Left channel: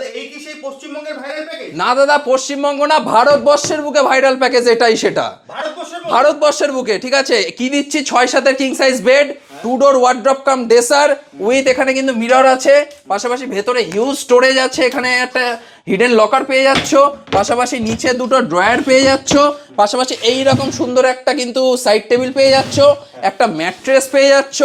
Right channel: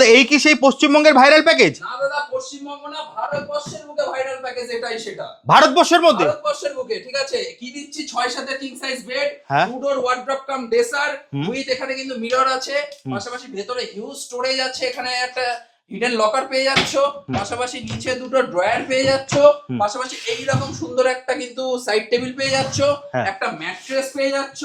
দাদা এই কি সেই পশ্চিমবঙ্গের ভাইরাল প্যাকেজ? না দাদা, পশ্চিমবঙ্গ না, ভারতবর্ষের বুকে ভাইরাল প্যাকেজ এটাই সেটা। ভারতবর্ষের মধ্যে? ভারতবর্ষের বুকে, ঠিক আছে। কি দিচ্ছি, 6-7 king size bed, 2 door wardrobe cum dresser with, এখানে কিন্তু মিরর আছে, পাশাপাশি ভেতরে হিউজ স্টোরেজ আছে, এখানে একটা হিডেন লকার পেয়ে যাচ্ছ, পাশাপাশি নিচে দুটো ড্রয়ার পেয়ে যাচ্ছ, পাশাপাশি এই রকম সুন্দর একটা কিন্তু সাইড টেবিল পেয়ে যাচ্ছ, একটা ম্যাট্রেস পেয়ে যাচ্ছ,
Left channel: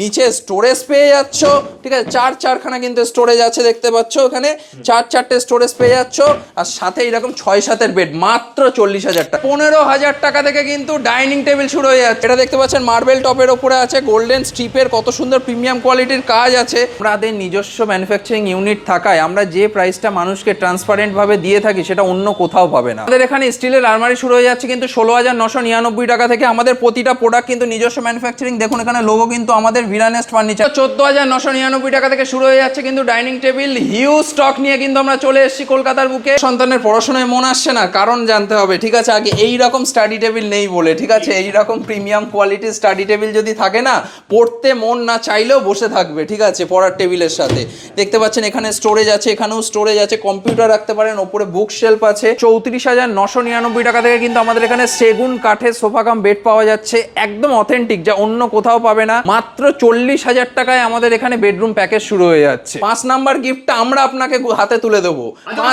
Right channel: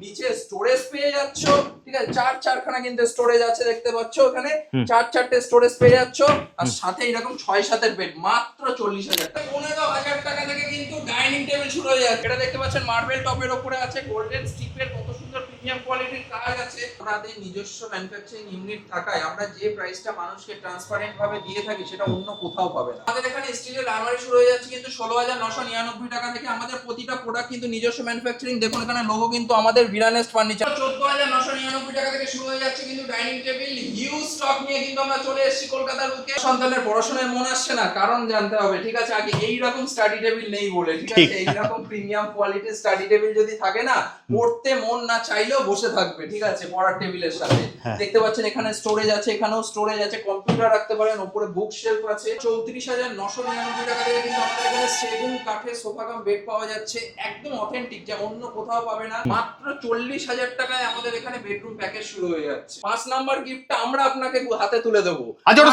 নিচে স্টোরেজ পেয়ে যাচ্ছ, ঠিক আছে। চারখানা কিন্তু স্টোরেজ আছে, দেখতে পাচ্ছ এখানে 4 স্টোরেজ পেয়ে যাচ্ছ, আর সাথে এরকম 6-7 বেড, মাত্র 40,000 টাকা। 15,000 টাকা থেকে কিন্তু ডাইনিং টেবিল শুরু হয়ে যাচ্ছে। এটা দেখতে পাচ্ছেন মার্বেল টপের ওপরে আছে, গোল্ডেন স্ট্রিপের, কত সুন্দর প্রিমিয়াম কোয়ালিটির কাজ আছে। আমাদের নিজস্ব ম্যানুফ্যাকচারিং ইউনিট থাকায় আমরা যে প্রাইসটা মানুষকে ট্রান্সপারেন্ট ভাবে দিয়ে থাকি সেটা অন্য কোথাও পাবে না। আমাদের এখানে স্টিলের আলমারি শুরু হয়ে যাচ্ছে কিন্তু 16,999 টাকা থেকে। আমাদের প্রতিটা প্রোডাক্ট কিন্তু নিজস্ব ম্যানুফ্যাকচারিং, দেখুন এখানে লোগো কিন্তু আমাদের ভিরানেস্ট ফার্নিচার। 14,999 টাকা থেকে শুরু হয়ে যাচ্ছে কিন্তু ডাইনিং টেবিল। হিউজ স্টক নিয়ে কিন্তু আমরা চলে এসেছি কলকাতার বুকে। সন্তানের পড়াশোনায় মন আসছে না, কারণ জানতে হবে, ঠিক আছে। আগে এইরকম স্টাডি টেবিল নেই বলে, ঠিক আছে। এইরকম প্রিমিয়াম কোয়ালিটির স্টাডি টেবিল যদি থাকে না, পড়তে মন না চাইলেও বসে থাকবে, ঠিক আছে, পড়ার টেবিলের সাথে। দেখতে পাচ্ছেন এখানে স্টোরেজ আছে, এখানেও স্টোরেজ আছে, কম্পিউটার রাখতে পারেন, ওপরে বুক শেলফ আছে। 34,999 টাকা থেকে কিন্তু আমাদের এখানে সেগুন কাঠের সোফা কাম বেড পাওয়া যাচ্ছে, একদম অথেন্টিক, যা অন্য কোথাও পাবে না। মাত্র 40,000 টাকায় আমাদের এখানে বেডরুম প্যাকেজ শুরু হয়ে যাচ্ছে। 5 নাম্বার গিফটটা আমরা আপনাকে হাতে তুলে দেবো।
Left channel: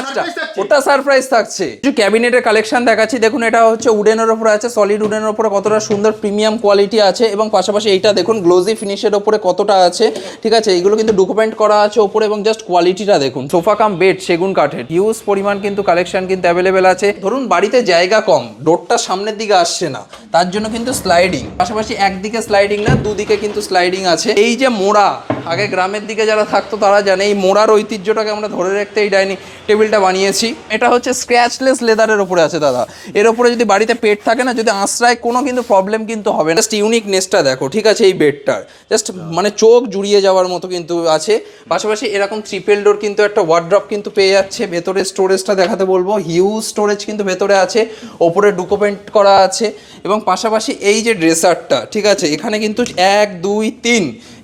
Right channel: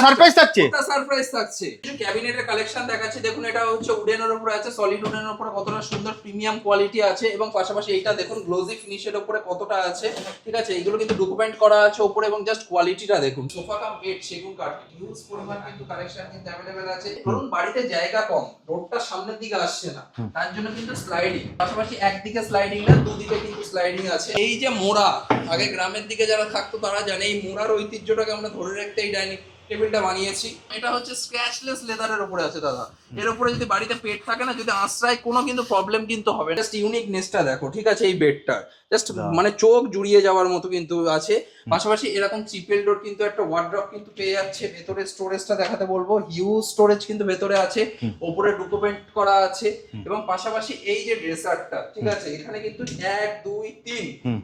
সারপ্রাইজ থাকছে, ওটা সারপ্রাইজ থাকছে। কিছু ক্যাবিনেটের কালেকশন দেখাচ্ছি, দেখুন এটা হচ্ছে উডেনের উপরে আছে, সলিড উডেনের উপরে কতটা সুন্দর প্রিমিয়াম কোয়ালিটি আছে, এবং পাশাপাশি এইটা দেখুন গ্লোজি ফিনিশের উপরে কতটা আছে, ঠিক আছে। এইগুলো কিন্তু ডকুমেন্ট করা আছে উপরে, এবং জাস্ট কোয়ালিটিটা দেখুন। সোফা কাম বেড সেগুন কাঠের, হিউজ পরিমাণ কিন্তু কালেকশন কিন্তু অ্যাভেলেবেল আছে। ধরুন বাড়িতে জায়গা কম, ডোরটা সামনের দিকে আসছে না, তার জন্য কিন্তু স্লাইডিং, পাশাপাশি একদিকে স্লাইডিং না, দুদিকে কিন্তু স্লাইডিং আছে। এই যে মোড়া, আগে গ্রামের দিকে যারা থাকতো তারা জানে এই মোড়ার ঐতিহ্যটাকে আমরা ধরে রাখতে এই ডাইনিং টেবিলটা বানিয়েছি। এটা হচ্ছে স্ক্র্যাচলেস লেদারের উপরে আছে দাদা। এর উপরে যদি বাড়িতে পেট থাকে না, যদি আশ্রয়, কোনো কিন্তু প্রবলেম কিন্তু হবে না। জাস্ট ইউনিকনেসটা দেখো, ঠিক আছে, এই বেডটার জাস্ট মানে চোখ জুড়িয়ে যাওয়ার মতো কিন্তু আছে। পাশাপাশি এরকম ট্রিপল ডোর কিন্তু একটা ওয়ার্ড্রপ কিন্তু পেয়ে যাচ্ছে। ভেতরে স্টোরেজটা দেখাতে বলবো, হিউজ স্টোরেজ কিন্তু ভেতরে আছে, ওপরে ডকুমেন্ট করা আছে, এবং পাশাপাশি এই যে ড্রেসারটা, ঠিক আছে, এখানে কিন্তু 1 2 3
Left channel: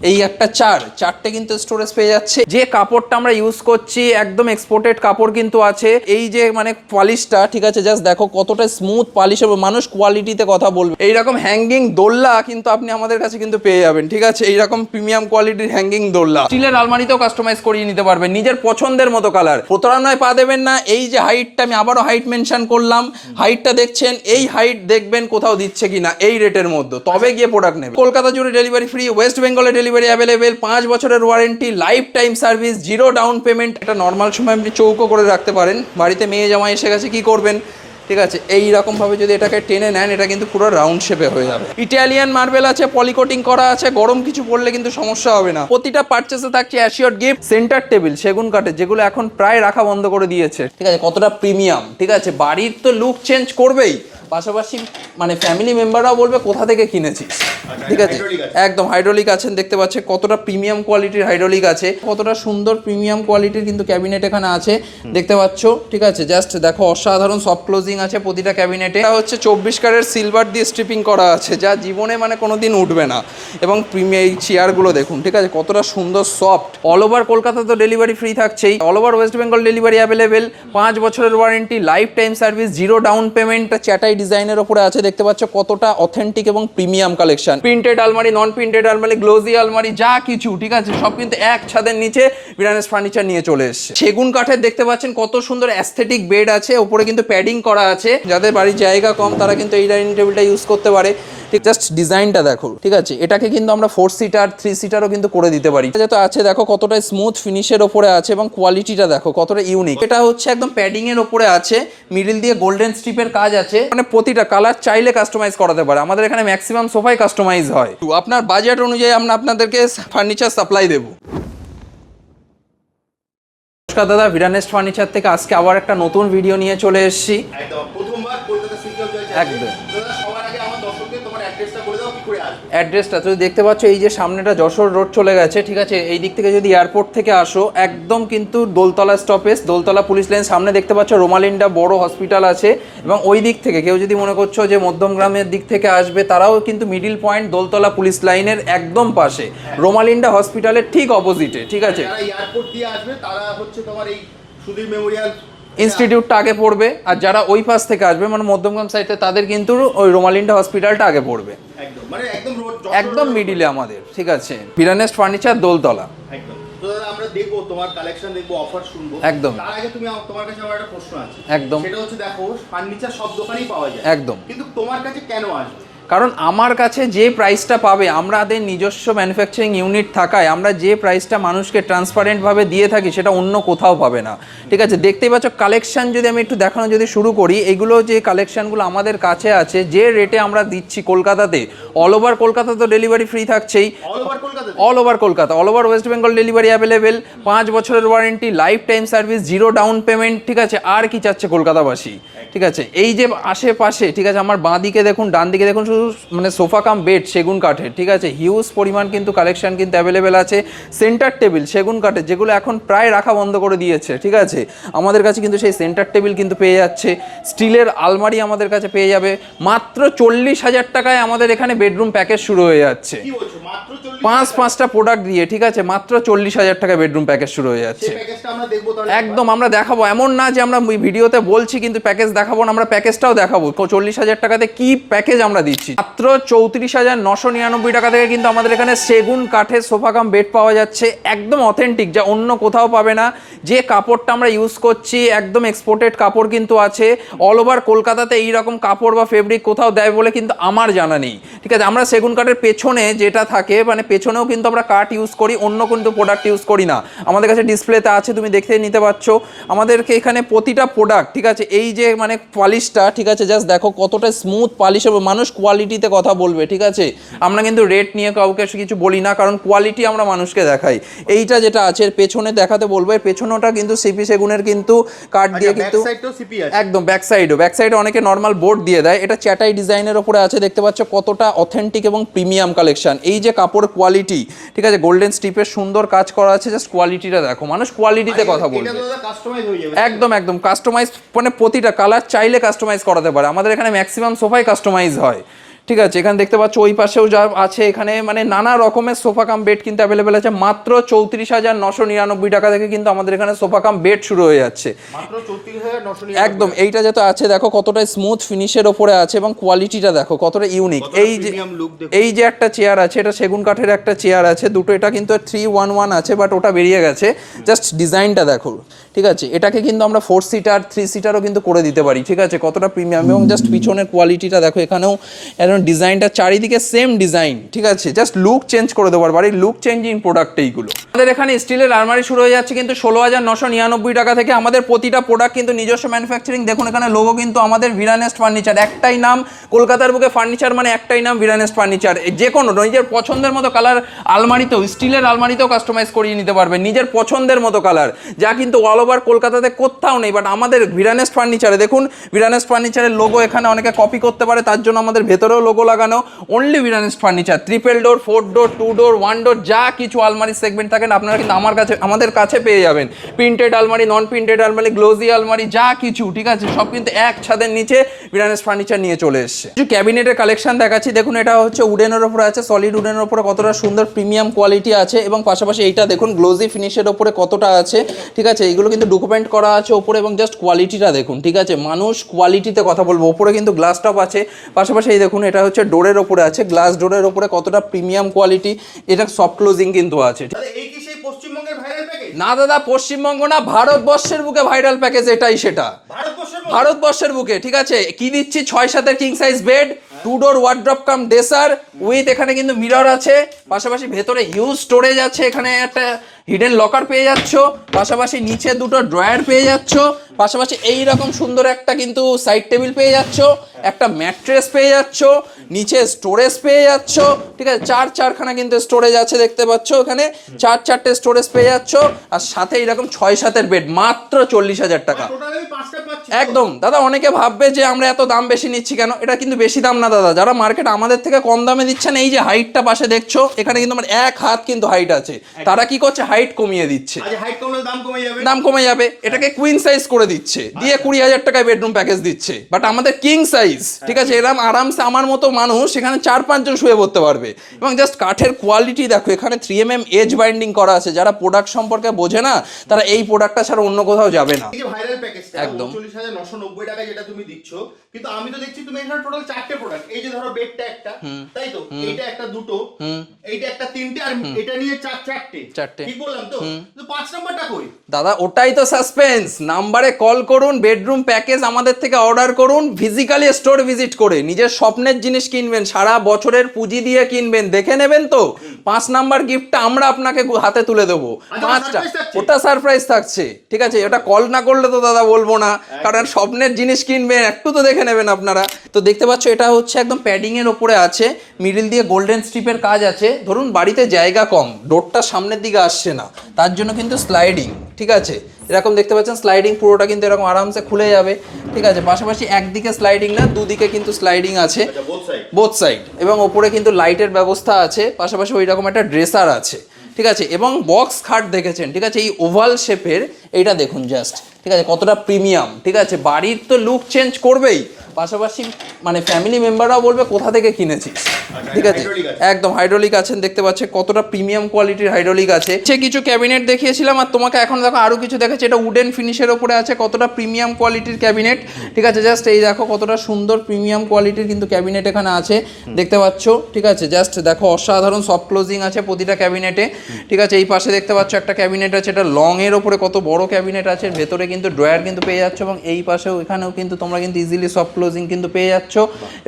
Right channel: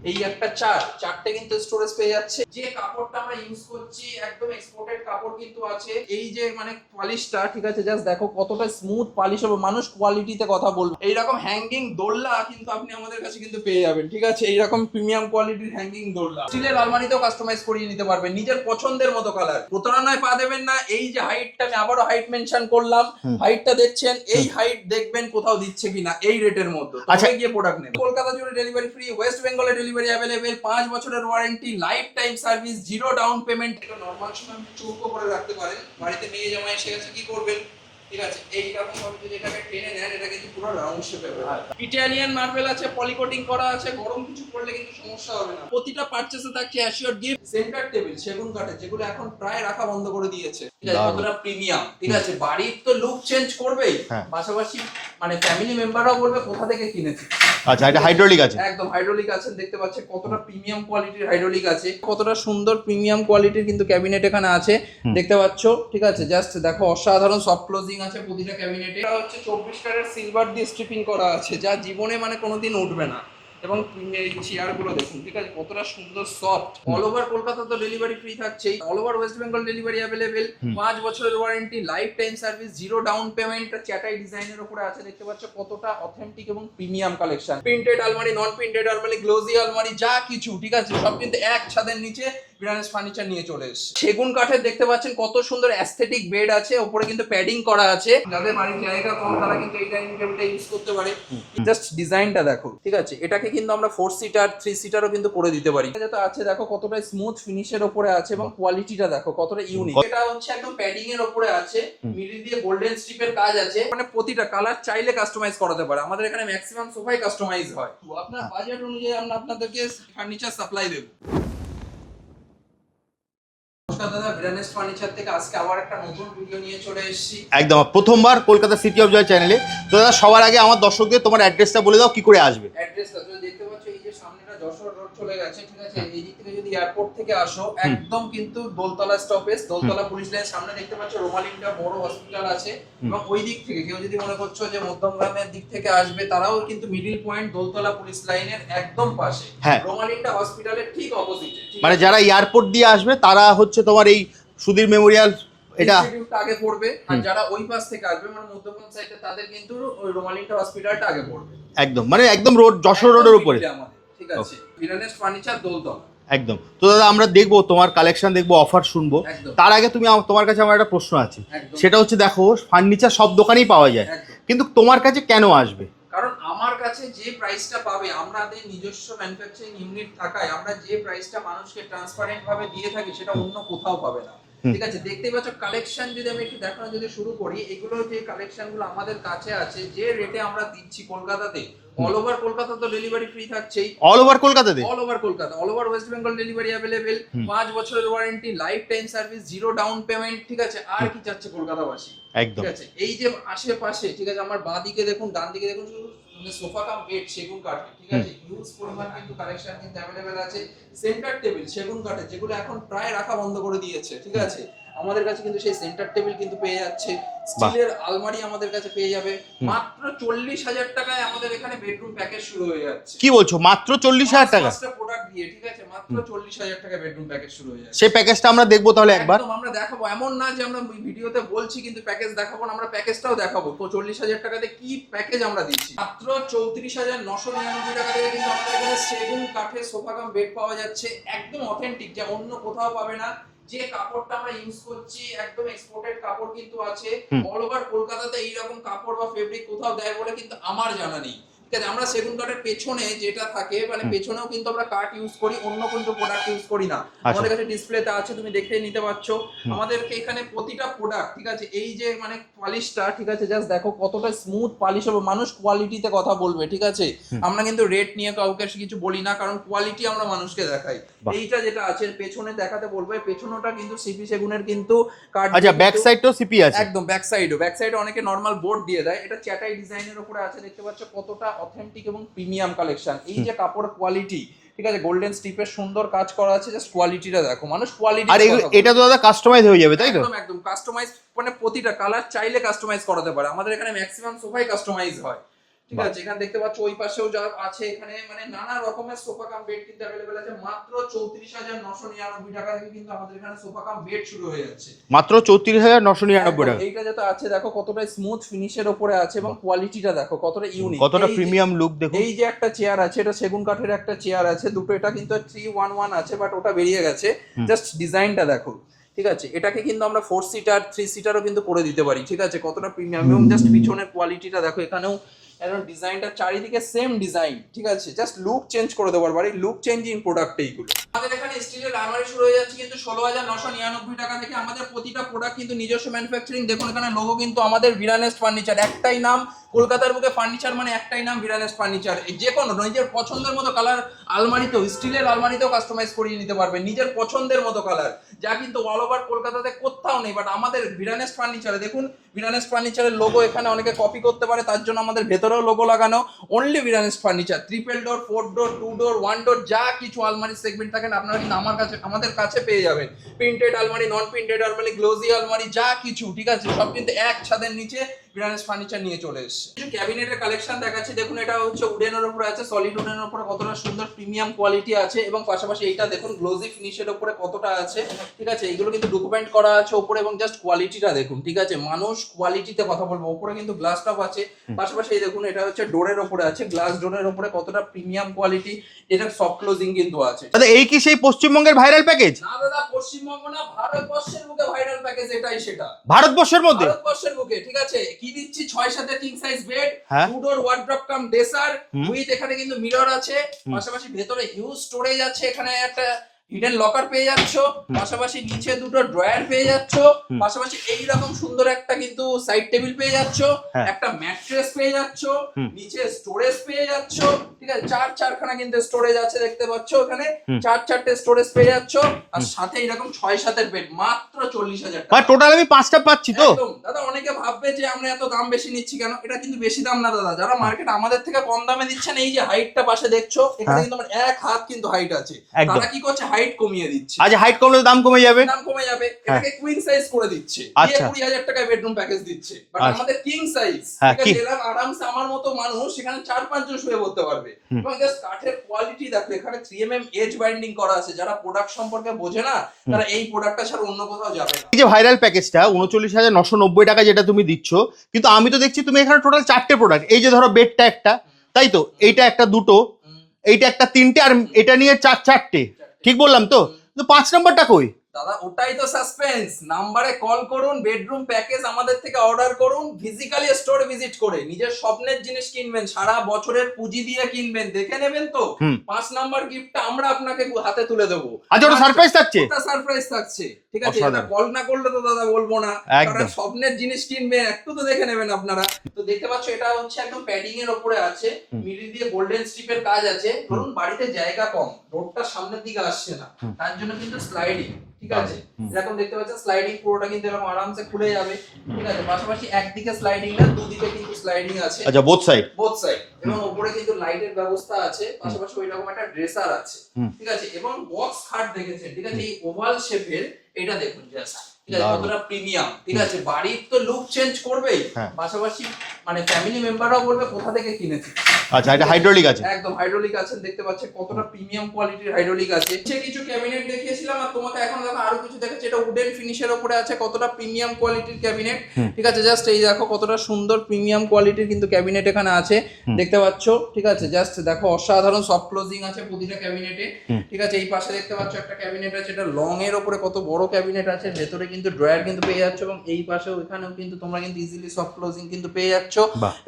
এই একটা 4টে কিন্তু স্টোরেজ পেয়ে যাচ্ছে। যে কাপড়টা আমরা ইউজ করছি একদম এক্সপোর্টেড কাপড় কিন্তু আছে। এই যে মানে পলিশটা, ঠিক আছে, জাস্ট দেখো কতটা স্মুথ পলিশ, এবং মানুষ কোয়ালিটিতে কথা বলবে। এইরকম হ্যাঙ্গিং দোল্লা কিন্তু আপনি আমাদের কাছে কিন্তু পেয়ে যাবেন, ঠিক আছে। এইরকম প্রিমিয়াম কোয়ালিটির হ্যাঙ্গিং দোল্লা স্টিলের আলমারিতেও কাস্টমাইজ করিয়ে নিতে পারবেন নিজের পছন্দের মতো কালার। প্রতারণায় পা দেবেন না। এই যে হাইটটা, আমি আবারও হাইট মেনশন করলাম, হাইটটা দেখছেন, এই হাইট দেখবেন কোথাও দিচ্ছে কিনা এই রেটের মধ্যে, তবে গিয়ে প্রোডাক্ট নেবেন। কলকাতা জুড়ে ডেলিভারি ফ্রি, ওয়েস্ট বেঙ্গলে ডেলিভারি অ্যাভেলেবেল, 5 বছরের warranty, life time service, 0 down payment. এটা নর্মাল সময় আপনি চৌকো করে রাখতে পারেন, বাড়িতে মেয়ে জামাই এসে গেছে কি করবেন, ঠিক আছে। এই রকম ভাবে যদি এটাকে টেনে নেন, এটা কিন্তু পুরো রাউন্ড শেপে হয়ে যাবে। ইটালিয়ান মার্বেল আছে, পলিকোটিং করা আছে, গরম কিছু পড়লে কিন্তু সমস্যা হবে না। প্রতিটা পারচেসে থাকছে অ্যাসিওর গিফট। সেন্টার টেবিল সেগুন কাঠের, যেগুলো এখন প্রায় রাখা বন্ধ করে দিয়েছে, ঠিক আছে, কতটা প্রিমিয়াম, ঠিক আছে। বাড়ির তো লুক চেঞ্জ করবেই, পাশাপাশি মানে ফ্যামিলি মেম্বাররাও বলবে কোথা থেকে কিনেছিস। আচ্ছা, এটা হাইড্রোলিক আছে, একদম হাইড্রোলিক আছেন, দেখতে পাচ্ছেন কতটা প্রিমিয়াম কোয়ালিটির হাইড্রোলিক আছে, কতটা সুন্দর প্রিমিয়াম কোয়ালিটির কিন্তু ক্যাবিনেট এখানে আছে, দেখতে পাচ্ছ, ঠিক আছে। জাস্ট দেখো অসাধারণ সফট ক্লোজিং আছে প্রতিটা ক্যাবিনেটে। এটা হচ্ছে 24 ক্যারেট সিলভার দিয়ে স্ট্রিপিং করা আছে, যা জীবনে মানে কোনোদিন উঠবে না। এবং প্রিমিয়াম এই চেয়ারগুলো দেখুন, ঠিক আছে, কতটা সুন্দর সফট। অল ওভার কলকাতা তো ডেলিভারি ফ্রি থাকছেই, all over West Bengal delivery available, 5 বছরের warranty, life time service, 0 down payment. চ্যাটাই ডিজাইনের উপরে আছে, দেখতে পাচ্ছ কতটা অথেন্টিক এবং প্রিমিয়াম কালেকশন। প্রিন্টেড আলমারি, নন প্রিন্টেড আলমারি, গ্লোজি আলমারি, যা কিছু, ঠিক আছে, সব কিন্তু এক ছাদের নিচে ভিরানেস ফার্নিচার নিয়ে চলে এসেছে। সেগুন কাঠের দেখতে পাচ্ছেন কত সুন্দর অ্যাস্থেটিক বেড আছে, উপরে কিন্তু প্যাডিং করা আছে, যাদের বাড়ির জায়গা কম তারা কিন্তু এই ডাইনিং টেবিলটা ইউজ করতে পারে। ঠিক, জাস্ট ডিজাইনটা দেখো, ঠিক আছে। এটাকে কিন্তু আমরা 4 সিটার 3 সিটারও কিন্তু করে দিতে পারি। যেটা আছে দেখো কতটা স্মুথ ফিনিশের উপরে আছে, এবং কোয়ালিটিটা দেখো কতটা ইউনিক। এটা হচ্ছে একদম প্যাডিং এর উপরে আছে, মিডল দিয়ে গোল্ডেন স্ট্রিপের কাজ আছে, মানে প্রতিটা কালার চাইলে কাস্টমাইজ করাতে পারে। আমাদের এখানে ম্যাক্সিমাম সোফাই কাস্টমাইজ হয়। আপনার বাজেট অনুযায়ী আমরা আপনাদেরকে ফার্নিচার সাপ্লাই দেবো। দাদা, ভিরানেস্ট ফার্নিচার থেকে আজকে আবার একটা নতুন ভিডিও নিয়ে চলে এসেছি। একদম প্রথমবার কলকাতা সিটি অফ জয় চ্যানেলে। তো দাদা, সবার আগে আমার দর্শকদের তোমার অ্যাড্রেসটা বলে দাও, কি করে আসবে। অ্যাড্রেসটা তুমি দেখতে পাচ্ছ, এই যে সামনেটা যশোর রোড চলে গেছে, ঠিক আছে। এই দিক থেকে যদি এয়ারপোর্ট থেকে আসো, একদম কিন্তু Doltala stoppage, Doltala police line সামনে দেখতে পাচ্ছ রোমালিন্ডা বড় হসপিটাল আছে। এবং ওই দিক থেকে কেউ যদি মনে করছো যে মধ্যমগ্রামের দিক থেকে আসবে, তারাও কিন্তু মিডিল পয়েন্ট দোলতলা পুলিশ লাইনের একদম পাশে, রোমালিন্ডা হসপিটালের ঠিক অপোজিটে, ঠিক আছে। যারা এয়ারপোর্ট দিয়ে আসবে তারা হচ্ছে তোমার এই সুধীর মেমোরিয়াল ইনস্টিটিউটটা আগে পড়বে, আর যারা ওই পাশ থেকে আসবে মানে মধ্যমগ্রাম সাইডে তাদের কিন্তু ওই রোমালিন্ডা হসপিটালটা আগে পড়বে। একদম মানে একদম রোড, যশোর রোডের উপরে আমাদের, ঠিক আছে। বিরানেস্ট ফার্নিচার, দোলতলা। একদম। তো দাদা আমরা দেখবো তোমার কালেকশন, দেখবো অফার শুনবো। একদম। তার আগে তোমার কাছে আমার একটা প্রশ্ন আছে। একদম। সেটা হচ্ছে দেখো ফার্নিচার সব দোকানেই পাওয়া যায়, একদম, কিন্তু তোমার কাছে কেন আসবে? কারণ আমার কাছে যে প্রাইসটা পাবে, আমাদের নিজস্ব ম্যানুফ্যাকচারিং ইউনিট থাকায় আমরা যে প্রাইসটা মানুষকে ট্রান্সপারেন্ট ভাবে দিয়ে থাকি সেটা অন্য কোথাও পাবে না, ঠিক আছে। দেখতেই পাচ্ছ কালেকশন যদি আমি একটু দেখানো যদি শুরু করি, এগুলো যে কালেকশনগুলো আমাদের কাছে আছে, যে রেটে আমরা দিচ্ছি কলকাতাতে, অল ওভার কলকাতা তো ডেলিভারি ফ্রি থাকছেই। All over Kolkata, all over Kolkata, all over West Bengal delivery available, 5 বছরের warranty, life time service, 0 down payment, ঠিক আছে। আর কি চাচ্ছে কলকাতাবাসী, ঠিক আছে। এই যে আশেপাশে, ঠিক আছে, আমার বাঁ দিকে দেখুন, ডান দিকে দেখুন, শুধু মানে সোফা কাম বেড সেগুন কাঠের, ঠিক আছে। হিউজ পরিমাণ কিন্তু কালেকশন কিন্তু অ্যাভেলেবেল আছে। সেন্টার টেবিল সেগুন কাঠের, যেগুলো এখন প্রায় রাখা বন্ধ করে দিয়েছে, ঠিক আছে। আমাদের কাছে কিন্তু সেই সেন্টার টেবিল কিন্তু পেয়ে যাচ্ছে। স্টিলের আলমারি আমাদের কাছে পেয়ে যাবে মাত্র 40,000 টাকায়। আমাদের এখানে বেডরুম প্যাকেজ শুরু হয়ে যাচ্ছে। কি বলছো, মাত্র 40,000 টাকা? 5টা প্রোডাক্ট দিয়ে, ঠিক আছে, মাত্র 40,000 টাকা বেডরুম প্যাকেজ শুরু হয়ে যাচ্ছে। সেই প্যাকেজটা আমরা দেখবো তাহলে একদম, আমরা দেখাবো। এমন না যে আমরা ভিডিওতে বলছি কিন্তু প্যাকেজ দেখাবো না, আমরা প্যাকেজটাও দেখাবো। 40,000 টাকাতে কি প্যাকেজ আমরা দিচ্ছি। মাত্র 34,999 টাকা থেকে কিন্তু আমাদের এখানে সেগুন কাঠের সোফা কাম বেড পাওয়া যাচ্ছে, একদম অথেন্টিক, যা অন্য কোথাও পাবে না। যে কাপড়টা আমরা ইউজ করছি একদম এক্সপোর্টেড কাপড় কিন্তু আছে। অল ওভার কলকাতাতে এইরকম কাপড় বা ফেব্রিক কোথাও দেয় বলে কিন্তু আমার জানা নেই, ঠিক আছে। আমরা সেগুন কাঠের পেছনে যেটা থাকে, মানে পেছনেও কিন্তু আমরা কাঠ ইউজ করি, অন্য কিন্তু প্রোডাক্ট ইউজ করি না। আমাদের কাছে ডিসপ্লেতে আছে, তুমি দেখতে নিতে পারছো। আমাদেরকে এখানে প্রতিটা প্রোডাক্ট, ঠিক আছে, এই যে মানে পলিশটা, ঠিক আছে, জাস্ট দেখো কতটা স্মুথ পলিশ হবে। মানুষ কোয়ালিটিতে কথা বলবে, ঠিক আছে। আমরা কিন্তু রেট নিয়ে কাউকে কিছু বলি না, কারণ কোয়ালিটি আমরা মানুষকে দেখাই। এইটা যেটা আছে এর পেছনে দেখাতে বলবো, এর পেছনটা কিন্তু সিপি সেগুনের কিন্তু কাঠ দিয়ে, ব্যাক সাইডটাও সিপি আছে। একদম ব্যাক সাইডে অনেকে নরমাল বোর্ড দিয়ে দেয়। এটা চ্যাটাই ডিজাইনের উপরে আছে, দেখতে পাচ্ছ কতটা অথেন্টিক এবং প্রিমিয়াম কালেকশন। এই যে কাপড় কোয়ালিটি, ঠিক আছে, গোল্ডেন স্ট্রিপের সুন্দর কাজ করা আছে, জাস্ট কোয়ালিটিটা দেখো। মানুষ কোয়ালিটিতে কথা বলে। এটা তো দাদা কাস্টমাইজ হয়ে যাবে, একদম একদম কাস্টমাইজ, মানে প্রতিটা কালার চাইলে কাস্টমাইজ করাতে পারে। আমাদের এখানে ম্যাক্সিমাম সোফাই কাস্টমাইজ হয়, ঠিক আছে। এখানে দেখতে পাচ্ছ ওই পাশেও যা আছে, এখানে মানে নানা রকমের সোফা কাম বেড কিন্তু অ্যাভেলেবেল আছে। মাত্র 34,999 টাকা থেকে কিন্তু আমাদের এখানে সোফা কাম বেড শুরু হয়ে যাচ্ছে, মাত্র 34,999। একদম। এইটা যেটা আছে দেখো কতটা স্মুথ ফিনিশের ওপরে আছে এবং কোয়ালিটিটা দেখো কতটা ইউনিক। এই যে প্রিমিয়াম লুক দেখো, এই যে একটা চেয়ার আছে, এটা সেগুন কাঠের একটা চেয়ার আছে, দুটো। এটা কিন্তু 311 আছে, বাট ওটা বেরিয়ে গেছে। জাস্ট ডিজাইনটা দেখো, ঠিক আছে। এটাকে কিন্তু আমরা 4 সিটার 3 সিটারও কিন্তু করে দিতে পারি, ঠিক আছে। কতটা প্রিমিয়াম, এবং জাস্ট পিছনের কোয়ালিটিটা দেখো। এখানেও ডিজাইনটা চারিদিকে সেম ডিজাইন, ঠিক আছে। জাস্ট লুক চেঞ্জ করে দেবো, বাড়ির লুক চেঞ্জিং প্রোডাক্ট এইগুলো। আমাদের এখানে স্টিলের আলমারি শুরু হয়ে যাচ্ছে কিন্তু 16,999 টাকা থেকে। আমাদের প্রতিটা প্রোডাক্ট কিন্তু নিজস্ব ম্যানুফ্যাকচারিং। দেখুন এখানে লোগো কিন্তু আমাদের বিরানেস্ট ফার্নিচার, একটাই নাম। কলকাতার বুকে ফার্নিচার মানে একটাই নাম, বিরানেস্ট ফার্নিচার। যে কোনো নিজের পছন্দের মতো কালার আলমারিতেও, স্টিলের আলমারিতেও কাস্টমাইজ করিয়ে নিতে পারবেন নিজের পছন্দের মতো কালার, যা কিন্তু অল ওভার কলকাতাতে কোথাও নেই। বাট আমাদের বিরানেস্ট ফার্নিচারে দেখুন, বিরানেস্ট ফার্নিচারের লোগো এখানে অনেকে কপি করতে পারে, তার জন্য আমাদের ভেতরেও লোগো লাগানো। অনলি বিরানেস্ট ফার্নিচার, 3 ডোর 4 ডোর 2 ডোর 1 ডোর, যা কিছু আলমারি সেগমেন্ট থাকেন আপনারা কিন্তু আমাদের কাছে পেয়ে যাবেন। প্রিন্টেড আলমারি, নন প্রিন্টেড আলমারি, গ্লোজি আলমারি, যা কিছু, ঠিক আছে, সব কিন্তু এক ছাদের নিচে বিরানেস্ট ফার্নিচার নিয়ে চলে এসেছে। কিছু ক্যাবিনেটের কালেকশন দেখাচ্ছি। দেখুন এটা হচ্ছে উডেনের উপরে আছে, সলিড উডেনের উপরে কতটা সুন্দর প্রিমিয়াম কোয়ালিটি আছে, এবং পাশাপাশি এইটা দেখুন গ্লোজি ফিনিশের উপরে কতটা আছে, ঠিক আছে। এইগুলো কিন্তু ডকুমেন্ট করা আছে উপরে, এবং জাস্ট কোয়ালিটিটা দেখুন, ঠিক আছে। মানুষ কোয়ালিটিতে কথা বলবো। উপরে কিন্তু গ্লাস টপ আছে, পাশাপাশি এই দেখুন এটা হচ্ছে ডোরের উপরে আছে, গ্লাস ডোরের উপরে কতটা প্রিমিয়াম কোয়ালিটি। এটা সফট ক্লোজিং কিন্তু আছে। দাদা এই কি সেই পশ্চিমবঙ্গের ভাইরাল প্যাকেজ? না দাদা, পশ্চিমবঙ্গ না, ভারতবর্ষের বুকে ভাইরাল প্যাকেজ এটাই। সেটা ভারতবর্ষের বুকে, ঠিক আছে। কি দিচ্ছি, 6-7 king size bed, 2 door wardrobe cum dresser with, এখানে কিন্তু মিরর আছে, পাশাপাশি ভেতরে হিউজ স্টোরেজ আছে। এখানে একটা হিডেন লকার পেয়ে যাচ্ছ, পাশাপাশি নিচে দুটো ড্রয়ার পেয়ে যাচ্ছ, পাশাপাশি এই রকম সুন্দর একটা কিন্তু সাইড টেবিল পেয়ে যাচ্ছ, একটা ম্যাট্রেস পেয়ে যাচ্ছ, নিচে স্টোরেজ পেয়ে যাচ্ছ, ঠিক আছে। 4-4খানা কিন্তু স্টোরেজ আছে, দেখতে পাচ্ছ এখানে 4-4টে স্টোরেজ পেয়ে যাচ্ছ, আর সাথে এরকম 6-7 বেড, মাত্র 40,000 টাকা। টোটাল আমি 5টা পাচ্ছি তো? একদম দাদা। অনেকে ভাববে যে আমরা এত দাম বেশি নিচ্ছি কেন, এটা কিন্তু বেশি দাম না দাদা। যারা মার্কেট আমাদের থেকে কম দামে দিচ্ছেন, এই যে হাইটটা পাশে দেখছো, এখানে কিন্তু আমার 1 হাত কিন্তু হাইট আছে। তারা কি করছে, হাইট কমিয়ে দিচ্ছে। আচ্ছা, হাইট কমলে দাম কমে যাবে? দাম কমে যাবে, এটাকে কুইন সাইজ করে দিচ্ছে, দিয়ে 20,000 টাকায় বেডরুম প্যাকেজ দিচ্ছে। বাট আমাদের কিং সাইজ, ঠিক আছে, এরকম আরামসে আমার মতো মানুষ সেখানে 4-5 জন শুয়ে পড়তে পারবে। এবং জাস্ট কাঠের কোয়ালিটি দেখো, এখানে 3mm এজ বাইন্ডিং করা আছে। যারা প্রোডাক্ট সম্পর্কে বোঝে না তারা এই প্রোডাক্টটা ছাড়া অন্য কোথাও যাবে না। এই যে ভাইরাল প্যাকেজটা 39,990 টাকা যেটা তুমি দিচ্ছ, কিন্তু আমি তো দেখছি তুমি এখানে টোটাল 4টে প্রোডাক্ট, এই যে ধরো বেডটা একটা, তাই তো, এইটা একটা, দুটো, এইটা একটা, 3টে, আর এটা নিয়ে 4টে, ঠিক বললাম তো? 5 নাম্বারটা কই দাদা? ওটাই তো সাসপেন্স। নাম্বারে কল করুন, বেডরুম প্যাকেজ আমাদের থেকে অর্ডার করুন, ফিজিক্যালি স্টোর ভিজিট করে নিজের স্বপ্নের জিনিস কিনবেন, সারা বছরের পুঁজি দিয়ে কিনবেন, দেখে নেবেন তো 5 নাম্বার গিফটটা আমরা আপনাকে হাতে তুলে দেবো। সারপ্রাইজ থাকছে, ওটা সারপ্রাইজ থাকছে, ঠিক আছে? এটা কল না করলে তো দাদা বলবো না, কারণ স্বপ্নের জিনিস কিনবেন, একটু তো দেখে নেবেন আপনারা। তো দেখতে পাচ্ছ এটা হচ্ছে একদম প্যাডিং এর উপরে আছে, মিডল দিয়ে গোল্ডেন স্ট্রিপের কাজ আছে। ধরুন বাড়িতে জায়গা কম, ডোরটা সামনের দিকে আসছে না, তার জন্য কিন্তু স্লাইডিং, ঠিক আছে, এরকম দেখতে পাচ্ছেন স্লাইডিং, পুরোটা কিন্তু এরকম আরামসে খুলে যাবে, ঠিক আছে। পাশাপাশি একদিকে স্লাইডিং না, দুদিকে কিন্তু স্লাইডিং আছে, আচ্ছা, বোথ সাইড, এবং ওপরে কিন্তু লাইটের ব্যবস্থা আছে। পাশাপাশি ওই রকম একটা ড্রেসার আছে, ঠিক আছে, এবং বক্স খাট দেখেছেন, ঠিক আছে, এই ওভাল শেপের, এইটা দেখুন জাস্ট, ঠিক আছে, কতটা প্রিমিয়াম, ঠিক আছে। বাড়ির তো লুক চেঞ্জ করবেই, পাশাপাশি মানে ফ্যামিলি মেম্বাররাও বলবে কোথা থেকে কিনেছিস। আচ্ছা, এটা হাইড্রোলিক আছে, একদম হাইড্রোলিক আছেন, দেখতে পাচ্ছেন কতটা প্রিমিয়াম কোয়ালিটির হাইড্রোলিক আছে। সে কিছু ক্যাবিনেট দেখিয়েছিলাম, আর তোমাকে এখন দেখো আরো কিছু দেখাচ্ছি। এটা উডেন ফিনিশের উপরে আছে, কতটা প্রিমিয়াম কোয়ালিটির ক্যাবিনেট, ঠিক আছে। জাস্ট এই দেখো কতটা সুন্দর প্রিমিয়াম কোয়ালিটির কিন্তু ক্যাবিনেট এখানে আছে, দেখতে পাচ্ছ, ঠিক আছে। জাস্ট দেখো অসাধারণ সফট ক্লোজিং আছে প্রতিটা ক্যাবিনেটে, ঠিক আছে। এই পাশে দেখতে পাচ্ছ একটা ক্যাবিনেট আছে, এটা লং এর উপরে কত বড় ক্যাবিনেট আছে, ভেতরে কিন্তু ড্রয়ার কিন্তু পেয়ে যাচ্ছ, এবং এই পাশেও এখানেও কিন্তু তোমরা কিন্তু ইজিলি সফট ক্লোজিং কিন্তু পেয়ে যাচ্ছ।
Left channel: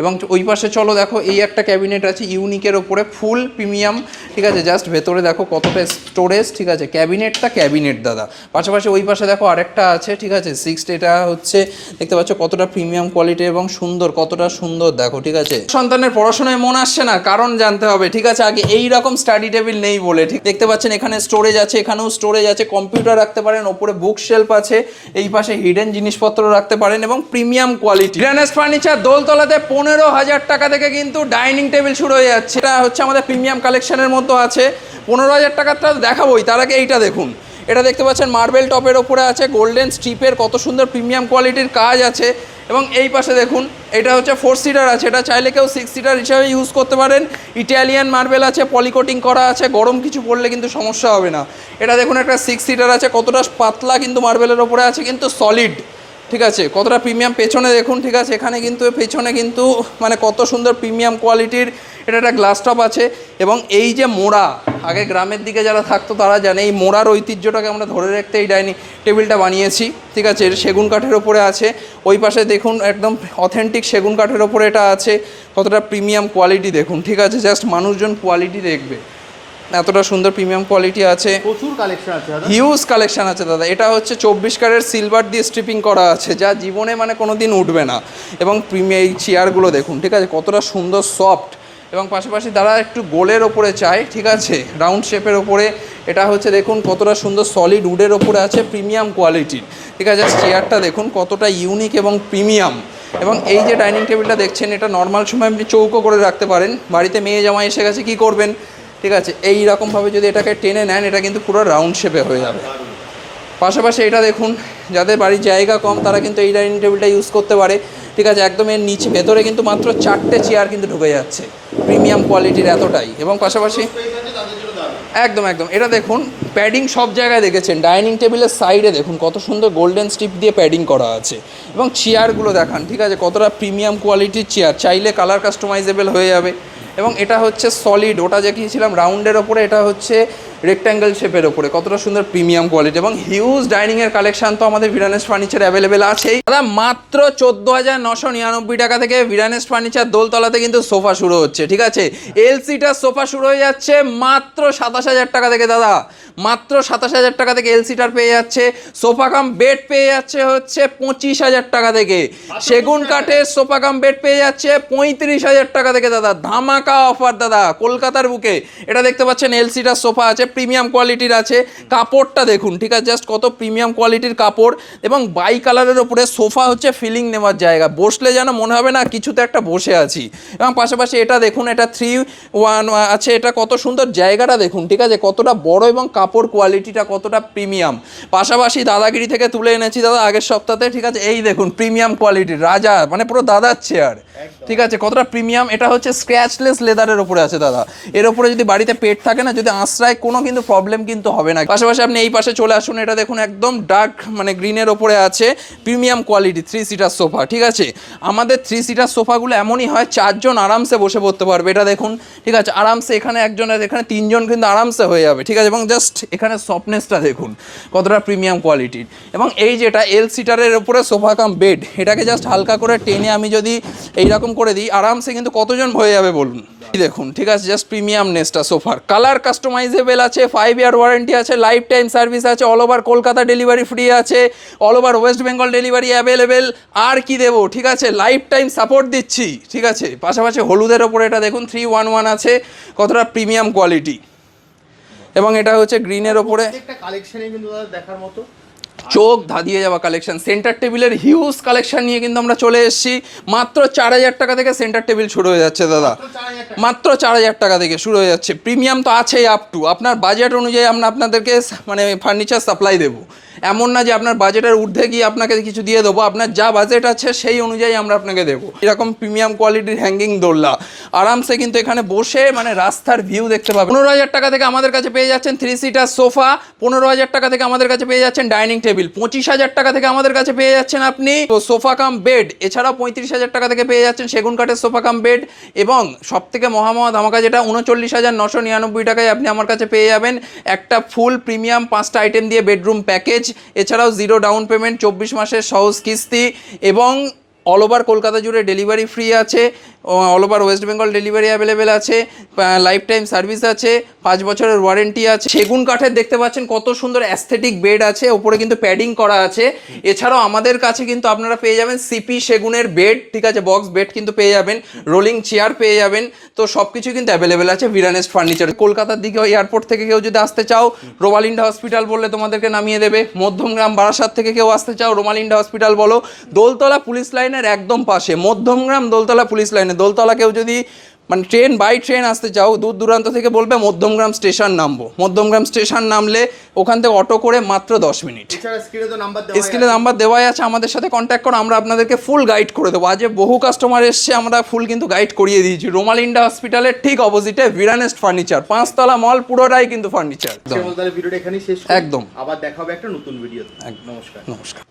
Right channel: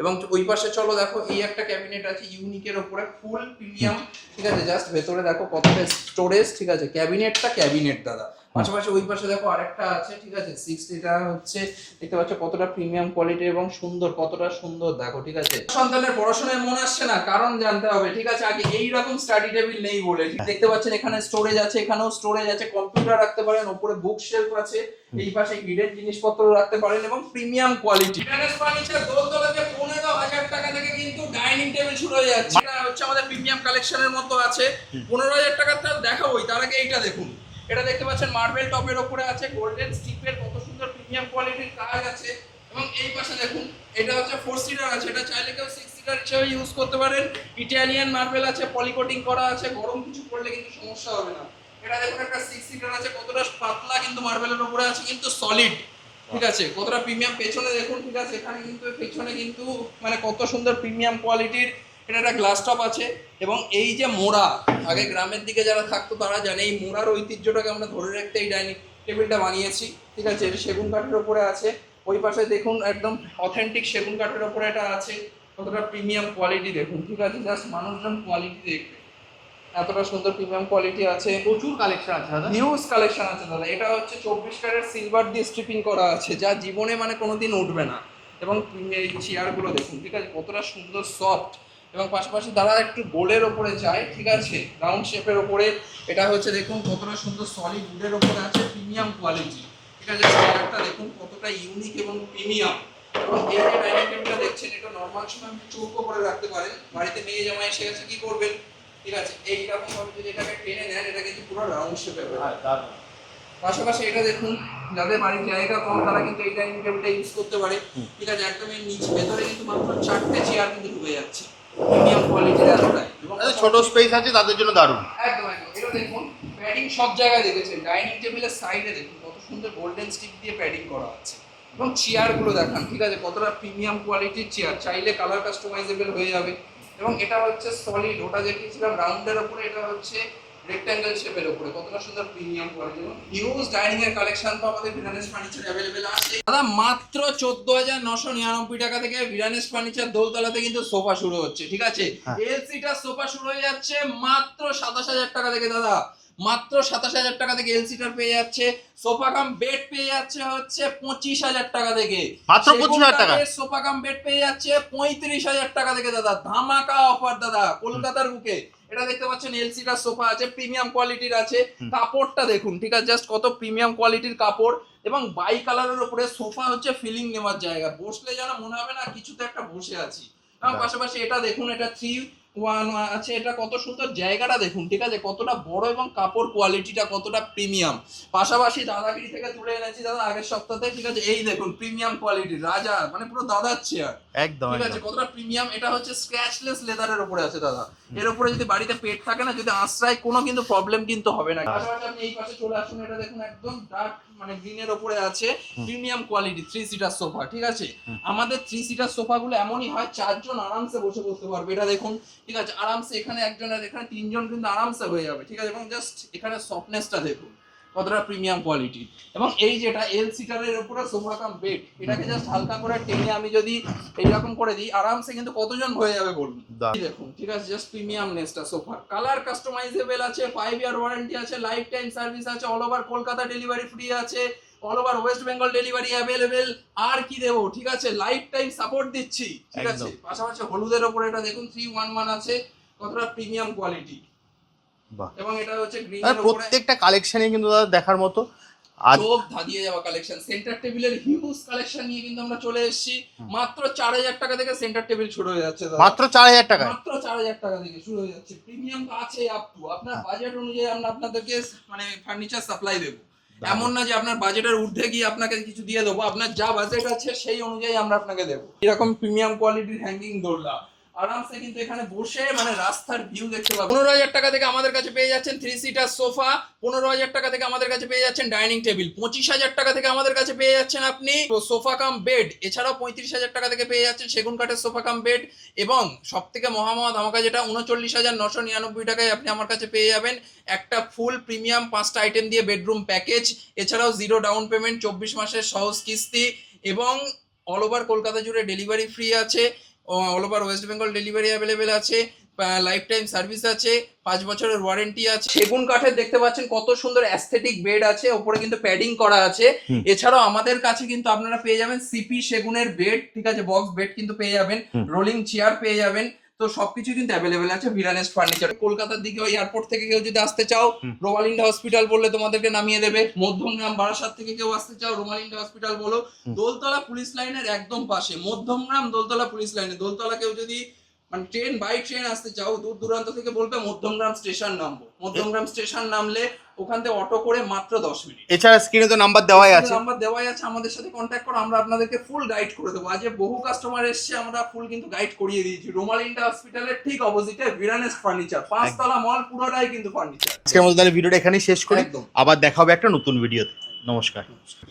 এবং ওই পাশে চলো দেখো, এই একটা ক্যাবিনেট আছে ইউনিকের উপরে, ফুল প্রিমিয়াম, ঠিক আছে। জাস্ট ভেতরে দেখো কতটা স্টোরেজ, ঠিক আছে, ক্যাবিনেটটা ক্যাবিনেট দাদা। পাশাপাশি ওই পাশে দেখো আরেকটা আছে, ঠিক আছে, 6, এটা হচ্ছে দেখতে পাচ্ছ কতটা প্রিমিয়াম কোয়ালিটি এবং সুন্দর, কতটা সুন্দর দেখো, ঠিক আছে। সন্তানের পড়াশোনায় মন আসছে না, কারণ জানতে হবে, ঠিক আছে, আগে এই রকম স্টাডি টেবিল নেই বলে, ঠিক দেখতে পাচ্ছেন এখানে স্টোরেজ আছে, এখানেও স্টোরেজ আছে, কম্পিউটার রাখতে পারেন, ওপরে বুক শেলফ আছে, এই পাশে হিডেন জিনিসপত্র রাখতে পারেন, এবং প্রিমিয়াম কোয়ালিটি। গ্র্যানেস ফার্নিচার দোলতলাতে 15,000 টাকা থেকে কিন্তু ডাইনিং টেবিল শুরু হয়ে যাচ্ছে। এটা হচ্ছে আমাদের প্রিমিয়াম কালেকশনের মতো আছে। 15,000 টাকাটা দেখাবোই, তার আগে এইটা দেখুন। এটা দেখতে পাচ্ছেন মার্বেল টপের ওপরে আছে, গোল্ডেন স্ট্রিপের কত সুন্দর প্রিমিয়াম কোয়ালিটির কাজ আছে। এবং এই পাশে দেখুন, এটা হচ্ছে 4 সিটার আছে, এটা চাইলে কেউ 6 সিটার হিসাবে ইউজ করতে পারেন। ইটালিয়ান মার্বেল আছে, পলিকোটিং করা আছে, গরম কিছু পড়লে কিন্তু সমস্যা হবে না। এটা দেখুন একটা 6 সিটার আছে, কতটা পাতলা কিন্তু মার্বেলের ওপরে আছে, কিন্তু সলিড, ঠিক আছে, কতটা প্রিমিয়াম। পেছনে দেখুন, ঠিক আছে, এখানে কিন্তু পেছনে কিন্তু মানে কত সুন্দর প্রিমিয়াম কোয়ালিটির এটা একটা গ্লাস টপ আছে। এবং এই যে মোড়া, আগে গ্রামের দিকে যারা থাকতো তারা জানে, এই মোড়ার ঐতিহ্যটাকে আমরা ধরে রাখতে এই ডাইনিং টেবিলটা বানিয়েছি, ঠিক আছে। এটা সেগুন কাঠের ওপরে আছে। ওই পাশে দেখুন একদম অথেন্টিক সেগুন কাঠের ওপরে এটা আছে, কতটা প্রিমিয়াম কোয়ালিটি দেখুন, ঠিক আছে। জাস্ট মানুষজন কোয়ালিটি দেখবে, এতটা সুন্দর প্রিমিয়াম কোয়ালিটি আছে, প্রচুর কালেকশন আছে দাদা, হিউজ কালেকশন আছে দাদা। এটা হচ্ছে 24 ক্যারেট সিলভার দিয়ে স্ট্রিপিং করা আছে, যা জীবনে মানে কোনো দিন উঠবে না। এবং প্রিমিয়াম এই চেয়ারগুলো দেখুন, ঠিক আছে, কতটা সুন্দর সফট। এবং পাশাপাশি যারা একটু গোলের ওপরে চায়, ঠিক আছে, রাউন্ড শেপের ওপরে, এটা হচ্ছে দেখুন কতটা সুন্দর সলিড উডের ওপরে আছে, প্রিমিয়াম কোয়ালিটির, ঠিক আছে। চেয়ারটা দেখুন কতটা ইউনিক এবং প্রিমিয়াম। এবং এই যে ডাইনিং টেবিলটা দেখছেন, এটা নর্মাল সময় আপনি চৌকো করে রাখতে পারেন। বাড়িতে মেয়ে জামাই এসে গেছে, কী করবেন, ঠিক আছে, এই রকমভাবে যদি এটাকে টেনে নেন, এটা কিন্তু পুরো রাউন্ড শেপে হয়ে যাবে। পাশাপাশি এটা দেখুন, যাদের বাড়ির জায়গা কম তারা কিন্তু এই ডাইনিং টেবিলটা ইউজ করতে পারে, ঠিক আছে। একদম এর নিচে ভেতরে কিন্তু মাত্র 4টে চেয়ার কিন্তু ঢুকে যাচ্ছে, প্রিমিয়াম কোয়ালিটির এতটাই। এবং পাশাপাশি স্পেস আছে তাদের জন্য দারুণ, একদম একদম। এটা দেখুন প্যাডিং সব জায়গায় দেখেছেন, ডাইনিং টেবিলের সাইডে দেখুন কত সুন্দর গোল্ডেন স্ট্রিপ দিয়ে প্যাডিং করা আছে। এবং চেয়ারগুলো দেখান, ঠিক আছে, কতটা প্রিমিয়াম কোয়ালিটির চেয়ার, চাইলে কালার কাস্টমাইজেবল হয়ে যাবে। এবং এটা হচ্ছে সলিড, ওটা দেখিয়েছিলাম রাউন্ডের ওপরে, এটা হচ্ছে রেক্ট্যাঙ্গেল শেপের ওপরে, কতটা সুন্দর প্রিমিয়াম কোয়ালিটি। এবং হিউজ ডাইনিংয়ের কালেকশন তো আমাদের ভিরানেস ফার্নিচার অ্যাভেলেবেল আছেই দাদা। মাত্র 14,999 টাকা থেকে ভিরানেস ফার্নিচার দোলতলাতে কিন্তু সোফা শুরু হচ্ছে, ঠিক আছে। এলসিটার সোফা শুরু হয়ে যাচ্ছে মাত্র 27,000 টাকা থেকে দাদা, মাত্র 27,000 টাকা থেকে এলসিটার পেয়ে যাচ্ছে। সোফা কাম বেড পেয়ে যাচ্ছে হচ্ছে 25,000 টাকা থেকে। সেগুন কাঠের সোফা কাম বেড পেয়ে যাচ্ছে 35,000 টাকা থেকে দাদা। ধামাকা অফার দাদা কলকাতার বুকে। এটা দেখতে পাচ্ছেন এলসিটার সোফা আছে প্রিমিয়াম কোয়ালিটির আছে। কাপড়টা দেখুন, ঠিক আছে, জাস্ট কত প্রিমিয়াম কোয়ালিটির কাপড় এবং বাই কালারের ওপরে সোফা হচ্ছে ফিলিং নেওয়ার জায়গা, বসলে যেন মনে হবে না কিছুতে একটা বসে আছি। এবং পাশাপাশি এটা দেখুন, এটা 3-1 আছে, এটা কত সুন্দর জায়গাটা দেখুন, ঠিক আছে, কতটা বড় এবং কাপড় কোয়ালিটিটা কতটা প্রিমিয়াম। পাশাপাশি দাদাগিরি থেকে তুলে এনেছি দাদা আগের সপ্তাহে, ঠিক আছে, এই দেখুন প্রিমিয়াম কোয়ালিটির রাজা, মানে পুরো দাদার চেয়ার, ঠিক আছে, কতটা প্রিমিয়াম। এটা হচ্ছে স্ক্র্যাচলেস লেদারের উপরে আছে দাদা। এর উপরে যদি বাড়িতে পেট থাকে না, যদি আশ্রয় কোনো কিন্তু প্রবলেম কিন্তু হবে না। পাশাপাশি আপনি এই পাশে চলে আসুন, এটা দেখুন একদম ডার্ক মানে গ্রিনের ওপরে আছে, প্রিমিয়াম কোয়ালিটি 3 সিটার সোফা, ঠিক আছে। আমাদের 3 সিটার সোফাগুলো এমনই হয় 4 জন আরামসে বসে পড়তে পারবে। এটা দেখুন, ঠিক আছে, আরামসে এখানে একজনের, এখানে 3 জন কিন্তু আরামসে হয়ে যাবে, ঠিক আছে। এবং জাস্ট এখানে সফটনেসটা দেখুন কতটা প্রিমিয়াম কোয়ালিটির। এবং এই যেটা এল সিটারের উপরে সোফা কাম বেড, এটাকে জাস্ট হালকা করে টেনে আমি যদি এইরকম করে দিই, আরামসে কিন্তু কতজন হয়ে যাবে বলুন। দেখুন, ঠিক আছে, জাস্ট প্রিমিয়ামনেসটা সোফার। কালার কাস্টমাইজেবল আছে, 5 ইয়ার ওয়ারেন্টি আছে, লাইফ টাইম সার্ভিস আছে, all over Kolkata delivery free আছে, all over West Bengal delivery available. আর কি দেবো, ঠিক আছে, লাইফ টাইম সাপোর্ট দিচ্ছি, ঠিক আছে। পাশাপাশি হলুদের ওপরে এটা দেখুন 311 আছে, কতটা প্রিমিয়াম কোয়ালিটি। এবং এটা হচ্ছে গ্রিনের ওপরে, প্রত্যেকটা কালেকশনই কিন্তু দাদা দেখার মতো, চোখ ধাঁধিয়ে যাওয়া কালেকশন। সেন্টার টেবিলের হিউজ কালেকশন নিয়ে কিন্তু আমরা চলে এসেছি। মাত্র 4000 টাকা থেকে সেন্টার টেবিল শুরু হয়ে যাচ্ছে দাদা, মাত্র 4000 টাকা, মাত্র 4000 টাকা থেকে শুরু হয়ে যাচ্ছে। প্রিমিয়াম তো আছেই, আপ টু আপনার বাজেট অনুযায়ী আমরা আপনাদেরকে মানে ফার্নিচার সাপ্লাই দেবো। এমন না যে আপনার বাজেটের ঊর্ধ্বে গিয়ে আপনাকে কিছু দিয়ে দেবো, আপনার যা বাজেট আছে সেই অনুযায়ী আমরা আপনাকে দেবো। এরকম প্রিমিয়াম কোয়ালিটির হ্যাঙ্গিং দোলনা আরামসে কিন্তু এখানে বসে মানে রাস্তার ভিউ দেখতে পাবেন। 15000 টাকা থেকে আমাদের কাছে পেয়ে যাচ্ছেন 3 সিটার সোফা, 15000 টাকা থেকে আমাদের কাছে পেয়ে যাচ্ছেন ডাইনিং টেবিল, 25000 টাকা থেকে আমাদের কাছে পেয়ে যাচ্ছেন আপনি সোফা কাম বেড, এছাড়াও 35000 টাকা থেকে পেয়ে যাচ্ছেন সেগুন কাঠের সোফা কাম বেড। এবং সব থেকে মহা ধামাকা যেটা 39999 টাকায় আপনি আমার কাছে পেয়ে যাবেন একটা ফুল প্রিমিয়াম 5টা আইটেম দিয়ে বেডরুম প্যাকেজ, এছাড়াও 0 ডাউন পেমেন্ট, 24 মাসের সহজ কিস্তি, এবং অল ওভার কলকাতা জুড়ে ডেলিভারি ফ্রি আছে, all over West Bengal delivery available আছে, লাইফ টাইম সার্ভিস আছে, 5 বছরের ওয়ারেন্টি আছে। সেগুন কাঠের দেখতে পাচ্ছেন কত সুন্দর অ্যাস্থেটিক বেড আছে, ওপরে কিন্তু প্যাডিং করা আছে। এছাড়াও আমাদের কাছে কিন্তু আপনারা পেয়ে যাবেন সিপি সেগুনের বেড, ঠিক আছে, বক্স বেড কিন্তু পেয়ে যাবেন, রোলিং চেয়ার পেয়ে যাবেন। তো সবকিছু কিন্তু অ্যাভেলেবেল আছে ভিরানেস্ট ফার্নিচার। কলকাতার দিকে এয়ারপোর্ট থেকে কেউ যদি আসতে চাও, রোমালিন্ডা হসপিটাল বললে তোমাদেরকে নামিয়ে দেবে। মধ্যমগ্রাম বারাসাত থেকে কেউ আসতে চাও, রোমালিন্ডা হসপিটাল বলো। দোলতলা পুলিশ লাইনের একদম পাশে, মধ্যমগ্রাম দোলতলা পুলিশ লাইনে। দোলতলা কেউ যদি মানে ট্রেন বাই ট্রেন আসতে চাও, দূর দূরান্ত থেকে বলবে মধ্যমগ্রাম স্টেশন নামবো, মধ্যমগ্রাম স্টেশন নামলে ওখান থেকে অটো করে মাত্র 10 মিনিট। এছাড়া স্ক্রিনে তো নাম্বার দেওয়া আছে, স্ক্রিনে নাম্বার দেওয়াই আছে, আমাদের সাথে কন্ট্যাক্ট করো, আমরা আপনাদেরকে ফুল গাইড করে দেবো। আজ বহু কাস্টমার এসছে, আমরা ফুল কিন্তু গাইড করিয়ে দিয়েছি। রোমালিন্ডা হসপিটালের ঠিক অপোজিটে ভিরানেস্ট ফার্নিচার, 5 তলা মল, পুরোটাই কিন্তু ফার্নিচার। আজকের মতো তাহলে ভিডিওটা এখানেই শেষ করি, একদম। আবার দেখা হবে একটা নতুন ভিডিওতে। নমস্কার। নমস্কার।